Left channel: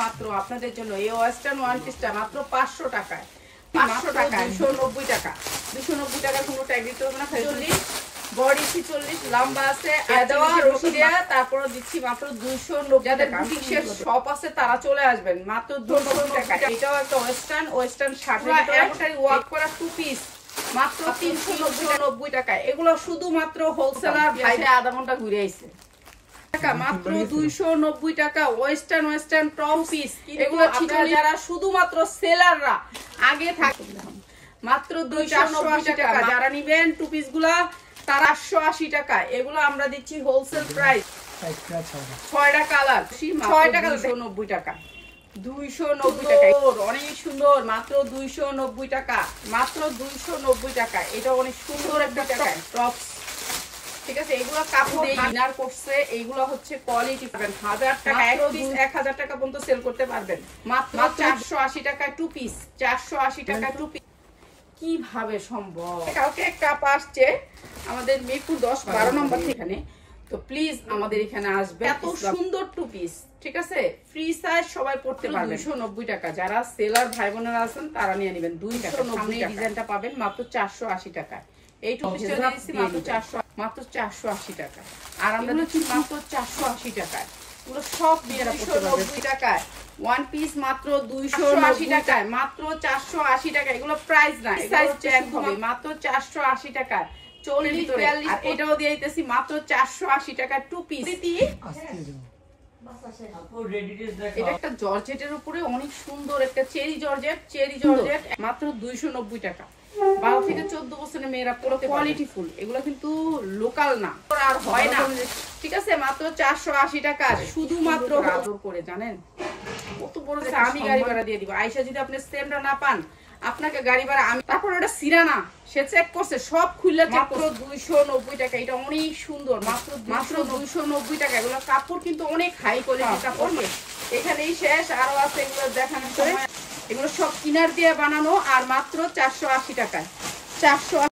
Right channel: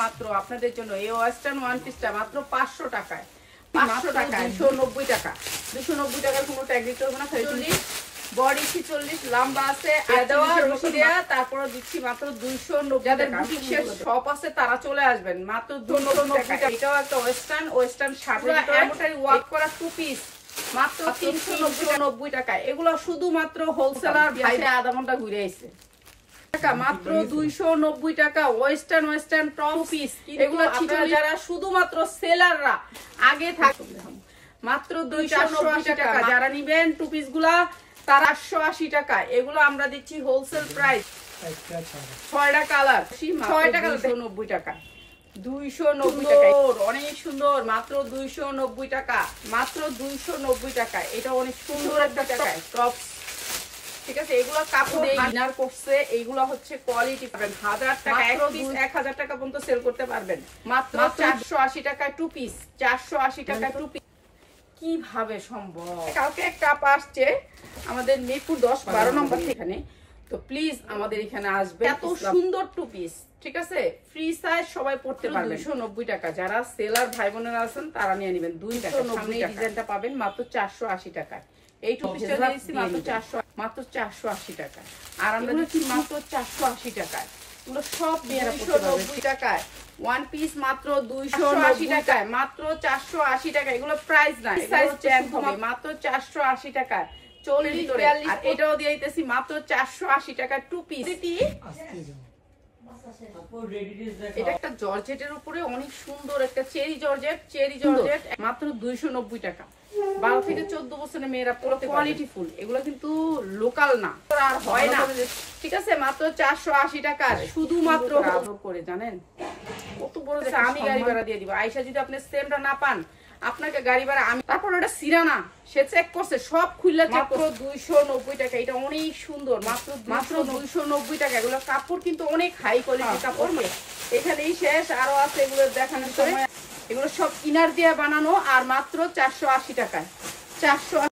মাত্র আপনাদের জন্য এই ওয়েস্টার্ন ওয়ান পিসটা মাত্র 500 টাকায়, 500 টাকায় 290 টাকা, 290 টাকার কোনো ট্যাগ দিতে হবে না। 40 বডি 46 লম্বা আছে তারপর দিচ্ছি মাত্র 290 টাকা। শপ আছে তারা চলে আসবেন মাত্র 290 টাকা। এটাও একটা ওয়েস্টার্ন শার্ট ওয়ার্ক করা টু পিস মাত্র 390 টাকা। এগুলো শুধুমাত্র হোলসেলার ভাইরা আধা ঘন্টা ঘুরে আইছে মাত্র 290 টাকা। ওয়েস্টার্ন টপ পিস এগুলো যারা শুধুমাত্র সেলাররা আগে থাকে মাত্র 280 টাকা। যারা নিবেন টু পিস গুলা তারা 880 টাকা। এগুলো আমরা দিচ্ছি হোলসেল প্রাইস 6টা কালার 6 টাকা 290 টাকা 290 টাকা। অনেক সুন্দর মাত্র 290 টাকা, মাত্র 290 টাকা। এটা অনেক সুন্দর একটা টাকায় টপ, ঠিক আছে। এগুলো কাপড় ডিনার করছে, এইগুলো হচ্ছে কোয়ালিটি পাবেন 1000 টাকা 1000 টাকা পর্যন্ত সেল করতে পারবেন মাত্র 480 টাকায় টু পিস, 480 টাকায় টু পিস। কিভাবে সম্ভব? কালকে একটা কাপ আসছে আমাদের মিরপুর 10-12 নম্বর এখানে, তো প্লিজ আমাদের এখানে আসবে। এত সুন্দর টু পিস, ঠিক আছে, ফ্রি সাইজ সবাই পড়তে পারবে। 290 টাকা। যারা সেলার ভাই বোনেরা আছেন তারা নিয়ে নেবেন 290 টাকা। ডিজাইনটা পাবেন মাত্র 480 টাকায়। এই টু পিসটা দিচ্ছি মাত্র 480 টাকা। আর আমরা দিচ্ছি মাত্র 480 টাকায়। এগুলো সব মেয়েরা পড়তে পারবে 2 টাকায়। ওয়ান পিস মাত্র 280 টাকায়, মাত্র 480 টাকা। এগুলো প্রাইস না, সাইজ চেঞ্জ হবে মাত্র 480 টাকায়। 40-42 আর এটাও দিয়ে দিতেছি মাত্র 480 টাকা টু পিস। এটা একটা জর্জেটের উপরে অনেক সুন্দর একটা চেরি জর্জেট মাত্র 290 টাকা। 12 থেকে 14 বছরের মেয়েরা পড়তে কোয়ালিটি ফুল। এগুলো কিন্তু লোকাল না, আর হয় না, ঠিক আছে। মাত্র 480 টাকা শুধুমাত্র আদর করে। জানেন কত বড়? আমি গাড়ি ভাড়া দিয়ে দিব। আয়শা যদি আপনি সেমটা না পান আপনাকে গাড়ি ভাড়া আমি। তারপর এটা সিরানা সে চেক করছে সব খুললে মাত্র 290 টাকা। এটা অনেক সুন্দর মাত্র 290 টাকা। এগুলো কাপড় কিন্তু অনেক হাই কোয়ালিটি কাপড়। এখানেই শেষ, আরো আছে এগুলো দেখানোর ভিতরে। এগুলো সব ইনার দিয়ে বানানো আর মাত্র 480 টাকায়। 480